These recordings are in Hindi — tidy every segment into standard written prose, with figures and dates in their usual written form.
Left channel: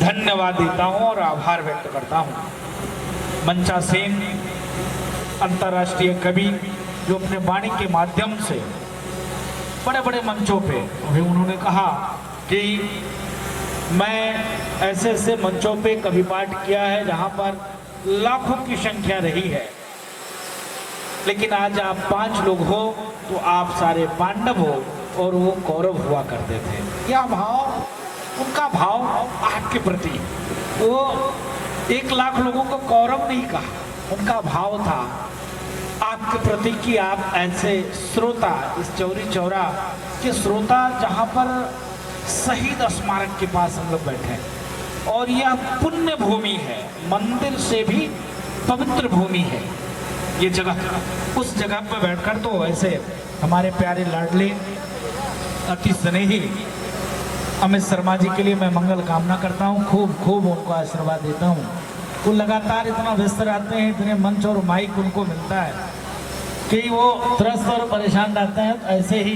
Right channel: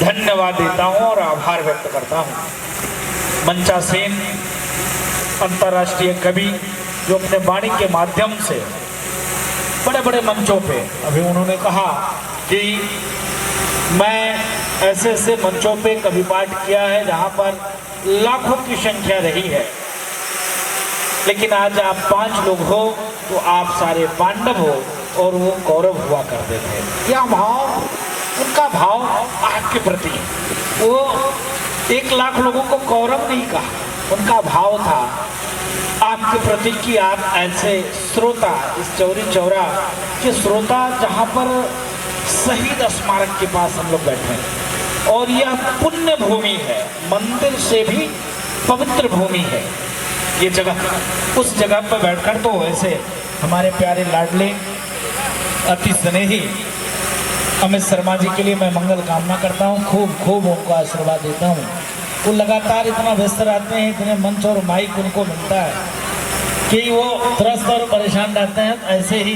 धन्यवाद देता हूं और आभार व्यक्त करता हूं। मंचा सेन अंतर्राष्ट्रीय कवि जो अपने वाणी के माध्यम से बड़े बड़े मंचों पे, अभी उन्होंने कहा कि मैं ऐसे ऐसे मंचों पे कवि पाठ किया है जहां पर लाखों की संख्या रही है, लेकिन आज आप 5 लोग हो तो आप सारे पांडव हो और वो कौरव हुआ करते थे। क्या भाव, उनका भाव आपके प्रति, वो 1 लाख लोगों को कौरव नहीं कहा, उनका भाव था आपके प्रति कि आप ऐसे श्रोता, इस चौरी चौरा के श्रोता जहाँ पर शहीद स्मारक के पास हम लोग बैठे हैं और यह पुण्य भूमि है, मंदिर से भी पवित्र भूमि है ये जगह। उस जगह पर बैठकर तो ऐसे हमारे प्यारे लाडले अति स्नेही अमित शर्मा जी के लिए मैं मंगल कामना करता हूँ, खूब खूब उनको आशीर्वाद देता हूँ। वो लगातार इतना व्यस्त रहते हैं, इतने मंच और माइक उनको मिलता है कि वो त्रस्त और परेशान रहते हैं। ऐसे ही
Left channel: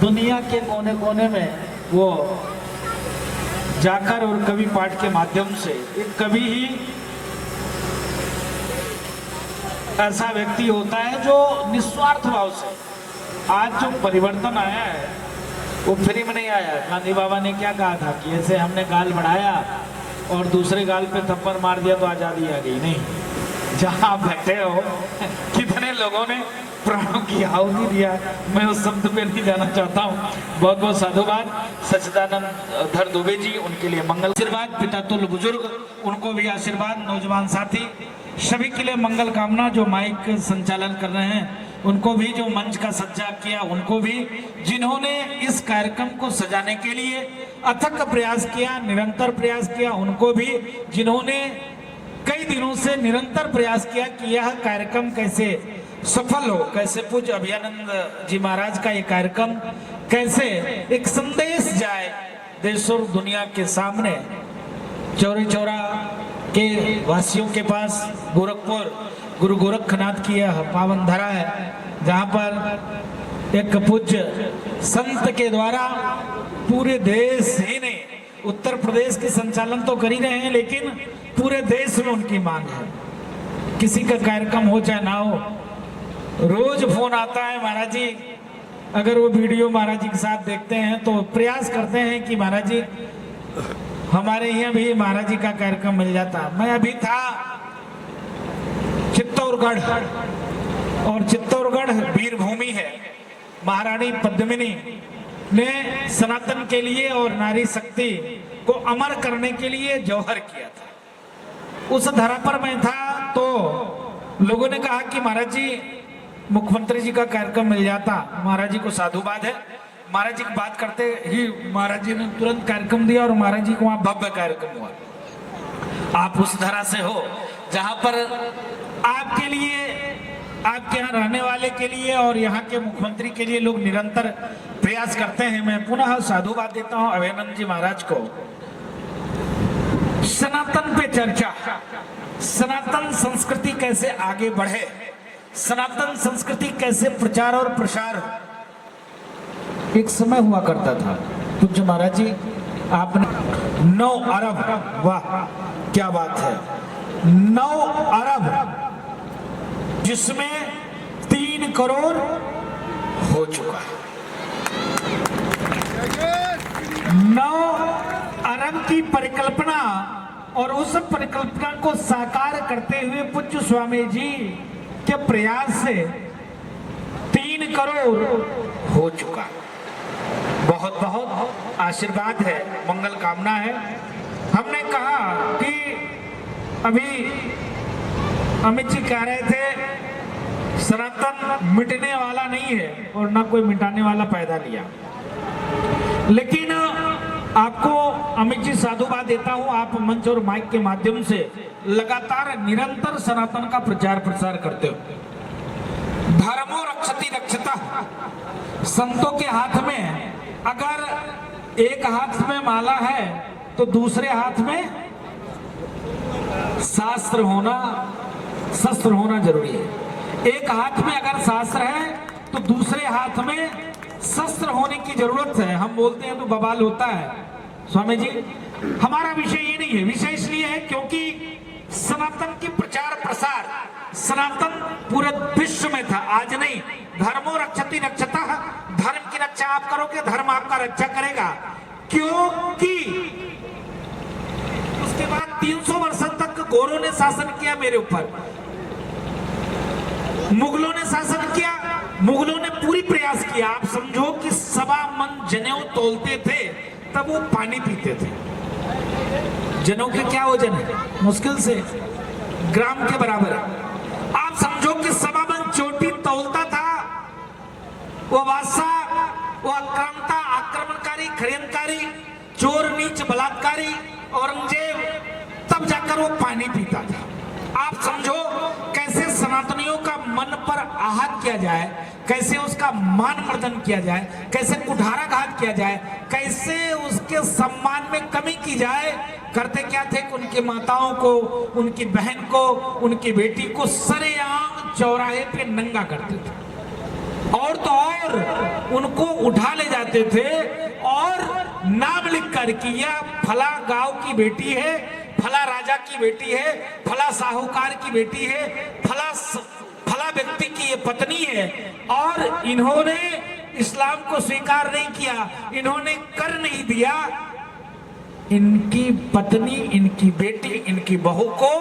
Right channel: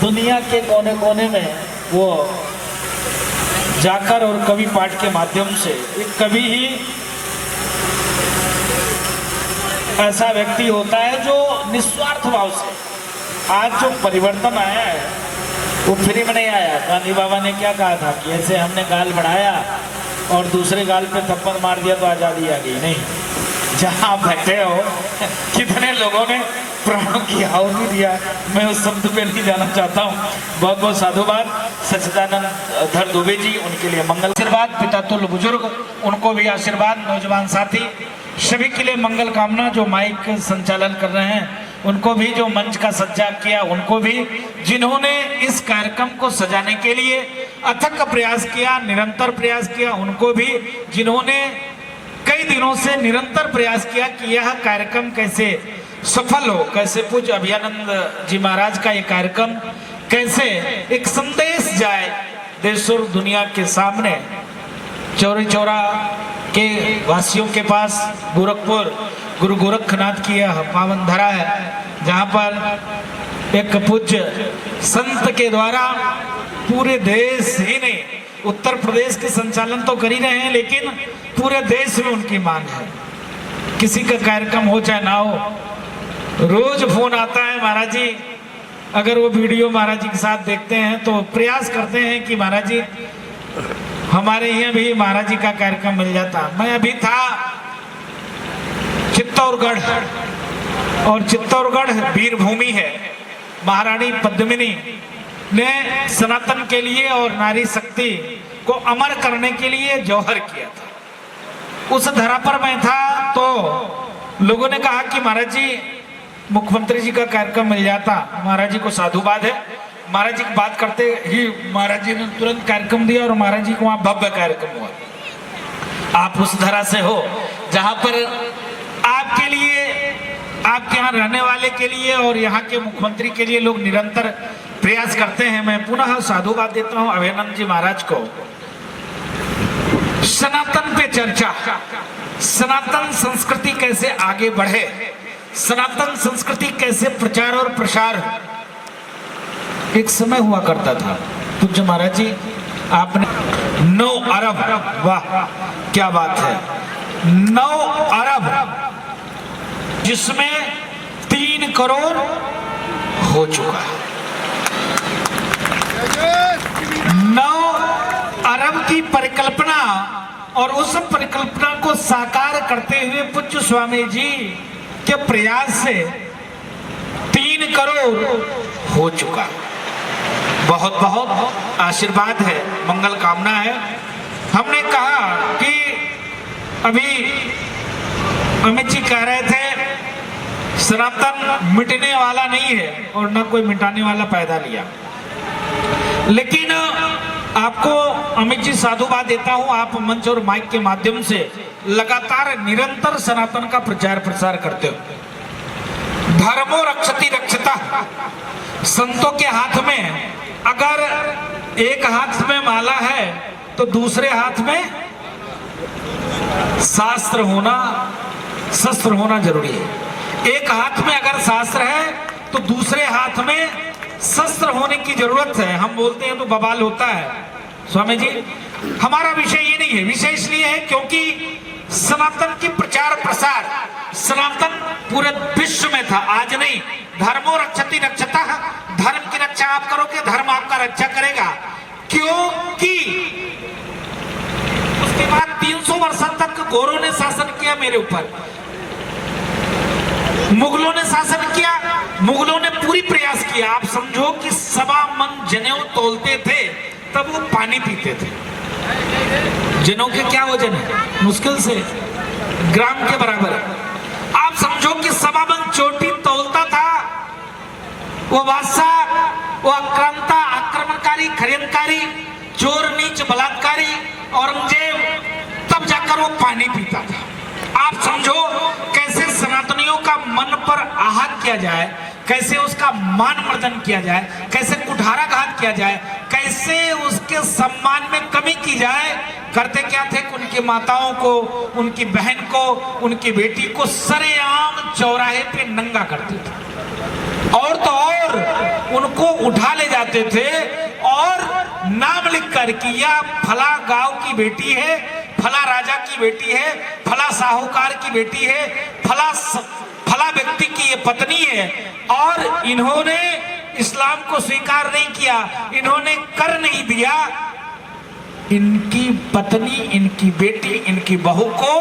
दुनिया के कोने कोने में वो जाकर और कवि पाठ के माध्यम से, एक कवि ही ऐसा व्यक्ति होता है जो निस्वार्थ भाव से, आज जो परिवर्तन आया है वो फ्री में नहीं आया। गांधी बाबा ने क्या कहा था कि ऐसे हमने गाल बढ़ाया और दूसरे गाल पे थप्पड़ मार दिया तो आज़ादी आ गई, नहीं। जहां आप बैठे हो कितने लोगों ने प्राणों की आहुति दिया, मैं उस शब्द पे नहीं जाना चाहता हूँ। बहुत बहुत साधुवाद सच्चिदानंद धर दुबे जी, उनके लिए मंगल आशीर्वाद। पिता तुल्य बुजुर्ग, उनको भी आशीर्वाद। नौजवान साथी सभी के लिए मंगल कामना। जो माइक संचालन कर रहे हैं उनको भी, जो मंच का सज्जा किया उनको भी, जिन्होंने इस कार्यक्रम को सजाने के लिए अथक प्रयास किया, निरंतर प्रयास किया उनको भी, जिन्होंने कई दिनों से निरंतर प्रयास किया कि यह कार्यक्रम कैसे सफल हो, कैसे पूज्य अभयानंद जी महाराज का ये कार्यक्रम कैसे एक संदेश जाए देश और दुनिया के सामने। चौरी चौरा के वासियों के पास गोरखपुर गुरु गोरखनाथ की यह पावन धरा है, जहाँ पर एक पूज्य संत के द्वारा पूरे देश ही ने, उत्तर प्रदेश के संचालन तो कर ही रहे हैं लेकिन पूरे देश में उनकी मांग है। किसी का कार्यक्रम हो चाहे ना हो, रोज फोन आता है महाराज जी, अगर वो वीडियो महाराज जी के साथ देखते हैं तो प्रयास करते हैं कि महाराज जी हमारे यहाँ भी महाराज जी का कार्यक्रम मिल जाता। मैं अभी था चित्तौड़गढ़, और चित्तौड़गढ़ वीर भूमि है। महारानी पद्मिनी ने सनातन के लिए और नारी शक्ति को अमर करने के लिए जौहर किया था। उस धरा पर मैं था तो लोगों ने कहा कि महाराज जी मुख्यमंत्री जी का कार्यक्रम मिल जाता। महाराज जी को साधुवाद है, महाराज जी की बात करते ही महाराज जी ने तुरंत कार्यक्रम दिया और महाराज जी को वहां भव्य कार्यक्रम हुआ। आप उस धरा से हो जहां पर आपके लिए, आपके यहाँ रहने वाले के लिए और यहाँ के मुख्यमंत्री के लिए लोग निरंतर प्रयास करते हैं। मैं पुनः साधुवाद देता हूँ अभयानंद जी महाराज को। सनातन पे चर्चा, सनातन संस्कृति कैसे आगे बढ़े, सनातन संस्कृति कैसे प्रचार और प्रसार। एक समय हुआ करता था पूज्य महाराज जी, आपने 9 अरब, वाह क्या बात है, 9 अरब जिसमें 3 करोड़ हो चुका है। 9 अरब की परिकल्पना और उस परिकल्पना को साकार करते हुए पूज्य स्वामी जी के प्रयास से 3 करोड़ हो चुका। बहुत बहुत आशीर्वाद है, मंगल कामना है। हमने कहा कि अभी अमित जी कह रहे थे सनातन मिटने वाला नहीं है और ना कोई मिटाने वाला पैदा लिया, लेकिन आपको अमित जी साधुवाद देता हूं, आप मंच और माइक के माध्यम से लगातार निरंतर सनातन का प्रचार प्रसार करते हो। धर्मो रक्षति रक्षता, संतों के हाथ में अगर एक हाथ में माला है तो दूसरे हाथ में शास्त्र होना, शस्त्र होना जरूरी है। एक हाथ में अगर शास्त्र है तो दूसरे हाथ में शस्त्र होने की जरूरत है। हम बोलते हैं तो बवाल होता है। स्वामी जी, हमारा विषय ये नहीं नहीं है, विषय इसलिए है क्योंकि सनातन की प्रचार प्रसार सनातन पूरे विश्व में था, आज नहीं। धर्मो रक्षति रक्षतः, धर्म की रक्षा आप करोगे, धर्म आपका रक्षा करेगा। क्योंकि उसके बाद 300 वर्षों तक गौरों ने शासन किया मेरे ऊपर, मुगलों ने शासन किया, मुगलों ने पूरी प्रयास किया। आप समझो कि 1.25 मन जनेऊ तोलते थे, तब वो पानी पीते थे। जनों के क्या वजन है, मुश्किल से ग्राम के बराबर है। आप समझो कि 1.25 मन चोटी तोलता था वो बादशाह, वो आक्रांता, आक्रमणकारी, खरियनकारी, चोर, नीच, बलात्कारी औरंगजेब, तब जाकर वो पानी पीता था। आप समझो कैसे सनातनियों का मन पर आहत किया जाए, कैसे उसका मान मर्दन किया जाए, कैसे कुठाराघात किया जाए, कैसे उसके सम्मान में कमी की जाए। करते क्या थे, उनकी माताओं को, उनकी बहन को, उनकी बेटी को सरेआम चौराहे पे नंगा करते थे, और तो और उनको उठा ले जाते थे और नाम लिख कर कि यह फला गांव की बेटी है, फला राजा की बेटी है, फला साहूकार की बेटी है, फला व्यक्ति की ये पत्नी है। और इन्होंने इस्लाम को स्वीकार नहीं किया, इन्होंने कर नहीं दिया। इनकी पत्नी, इनकी बेटी, इनकी बहू को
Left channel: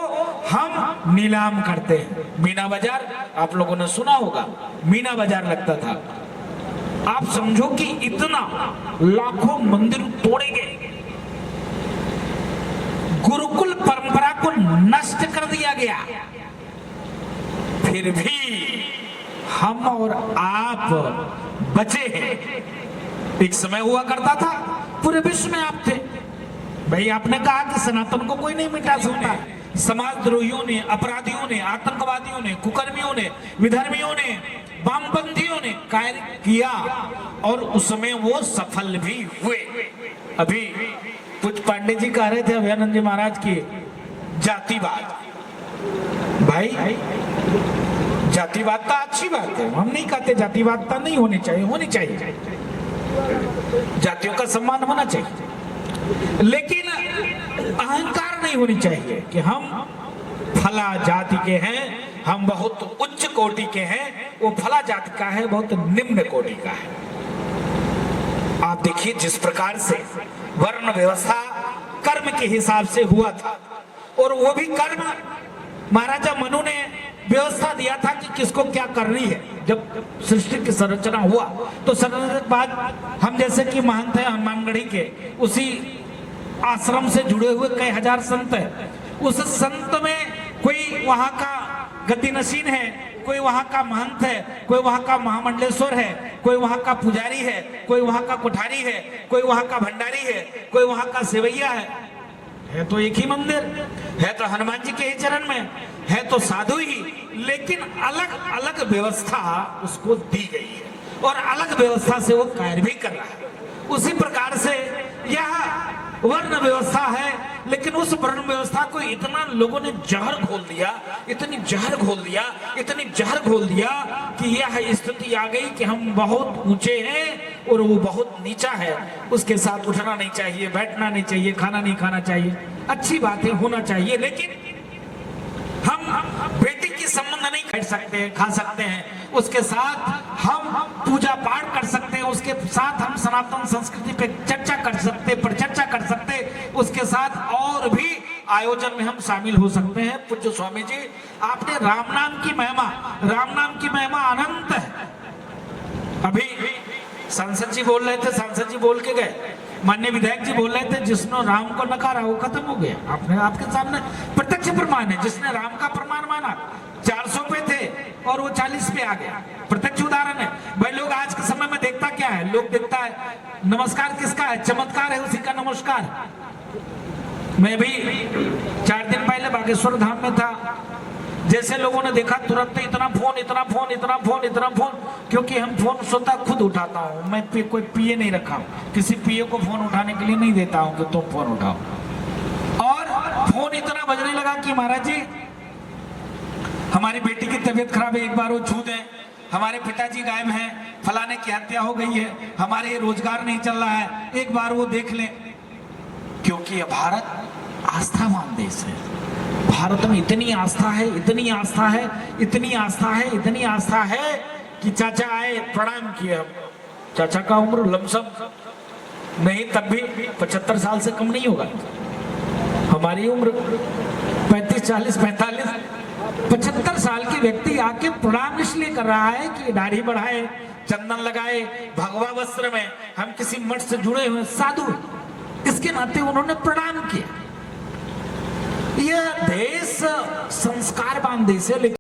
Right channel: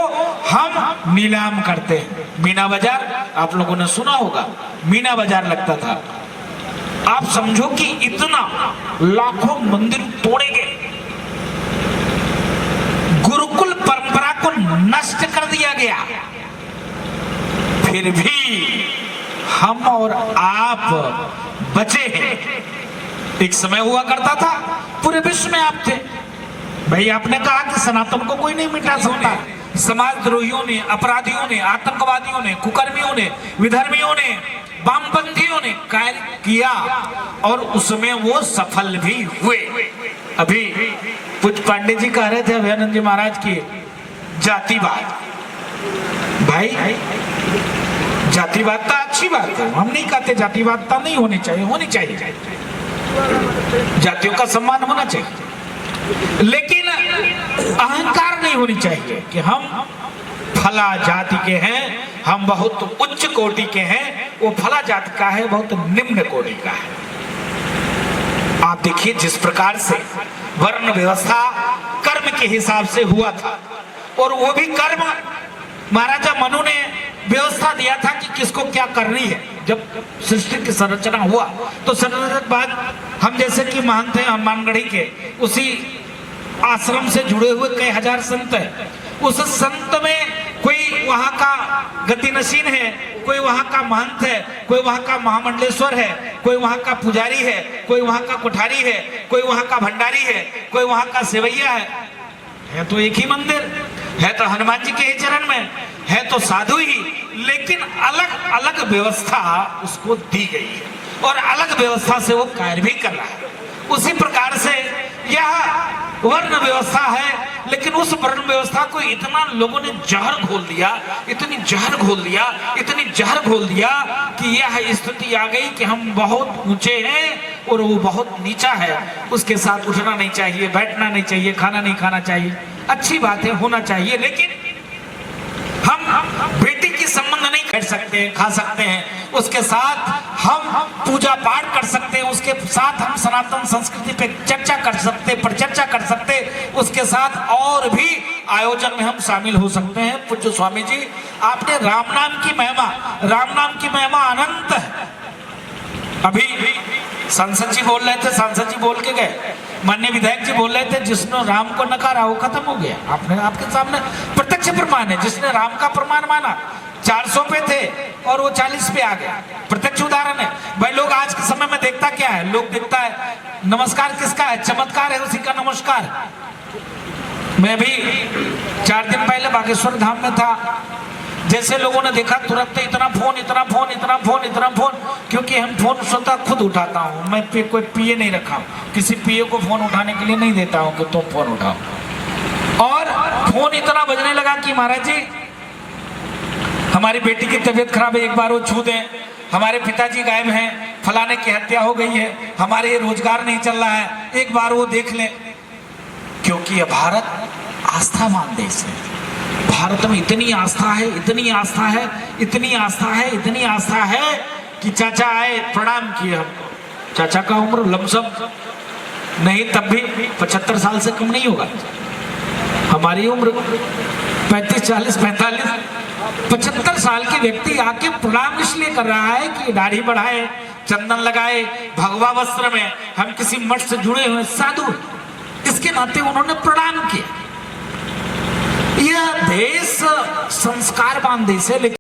हम नीलाम करते हैं। मीना बाजार आप लोगों ने सुना होगा, मीना बाजार लगता था। आप समझो कि इतना लाखों मंदिर तोड़े गए, गुरुकुल परंपरा को नष्ट कर दिया गया, फिर भी हम और आप बचे हैं। एक समय हुआ करता था पूरे विश्व में आप थे भाई। आपने कहा कि सनातन को कोई नहीं मिटा सकता। समाजद्रोहियों ने, अपराधियों ने, आतंकवादियों ने, कुकर्मियों ने, विधर्मियों ने, वामपंथियों ने कार्य किया और उसमें वो सफल भी हुए। अभी कुछ पांडे जी कह रहे थे अभयानंद जी महाराज की जातिवाद। भाई जातिवाद तो अच्छी बात है, हम नहीं कहते जातिवाद तो नहीं होनी चाहिए, होनी चाहिए, जातियों का सम्मान होना चाहिए, लेकिन अहंकार नहीं होनी चाहिए कि हम फला जाति के हैं, हम बहुत उच्च कोटि के हैं, वो फला जाति का है, बहुत निम्न कोटि का है। आप देखिए जिस प्रकार से वर्ण व्यवस्था कर्म के हिसाब से हुआ था, और वो भी कर्म महाराजा मनु ने व्यवस्था दिया था कि किसको क्या करनी है। जब सृष्टि की संरचना हुआ तो संरचना के बाद हम जैसे कि महंत हैं हनुमानगढ़ी के, उसी आश्रम से जुड़े हुए कई हजार संत हैं। उस संत में कोई वहां का गतिनशीन है, कोई वहां का महंत है, कोई वहां का महामंडलेश्वर है, कोई वहां का पुजारी है, कोई वहां का कोठारी है, कोई वहां का भंडारी है, कोई वहां का सेवैया है तो एक ही मंदिर है, तो हनुमान जी के ही चरण में है, तो साधु ही, लेकिन अलग अलग व्यवस्था उसको दी गई है और अलग व्यवस्था से वो कार्य भी कर रहा है। उसी प्रकार से यह वर्ण व्यवस्था है, लेकिन उस वर्ण व्यवस्था को इतना लोगों ने जहर घोल दिया, इतनी जहर घोल दिया, इतनी जहर घोल दिया कि यह स्थिति आ गई कि हम बहुत ऊंचे हैं और वो बहुत नीचा है। उसके साथ उठना नहीं चाहिए, बैठना नहीं चाहिए, खाना नहीं खाना चाहिए। अच्छी बात है, होना चाहिए, लेकिन हम बेटी की संबंध नहीं कर सकते हैं, खा सकते हैं, उसके साथ हम पूजा पाठ कर सकते हैं, उसके साथ हम सनातन संस्कृति पे चर्चा कर सकते, परिचर्चा कर सकते, उसके साथ और भी आयोजन में हम शामिल हो सकते हैं। पूज्य स्वामी जी, आपने राम नाम की महिमा अनंत है। अभी सांसद जी बोल रहे थे, सांसद जी बोल के गए, माननीय विधायक जी बोल रहे थे, जिसने राम को नकारा वो खत्म हो गया। आपने आपके सामने प्रत्यक्ष प्रमाण है, जिसने राम का प्रमाण माना 400 पे थे और वो 40 पे आ गया, प्रत्यक्ष उदाहरण है। भाई लोग आज के समय में देखता क्या है, लोग देखता है नमस्कार किसका है, चमत्कार है उसी का नमस्कार। मैं भी 4 दिन पहले बागेश्वर धाम में था, जैसे लोगों ने देखा तुरंत इतना फोन, क्योंकि हम फोन स्वतः खुद उठाता हूँ, मैं कोई पीए नहीं रखा, किसी पीए को फोन उठाने के लिए नहीं देता हूँ कि तुम फोन उठाओ। और फोन इतना बजने लगा कि महाराज जी हमारी बेटी की तबीयत खराब है, एक बार वो छू दें, हमारे पिताजी गायब हैं, फलाने की हत्या हो गई है, हमारे रोजगार नहीं चल रहा है, एक बार वो देख लें। क्योंकि ये भारत आस्थावान देश है। भारत में इतनी आस्था है, इतनी आस्था है, इतनी आस्था है, इतनी आस्था है कि चाचा आए, प्रणाम किए हमको। चाचा का उम्र लमसम नहीं तब भी 75 साल से कम नहीं होगा। हमारी उम्र 35, 40, 45, 75 साल के व्यक्ति आके प्रणाम इसलिए कर रहा है कि दाढ़ी बढ़ाए, चंदन लगाए, भगवा वस्त्र में, हम किसी मठ से जुड़े हुए साधु, इसके नाते उन्होंने प्रणाम किया। यह देश संस्कारवान देश है, लेकिन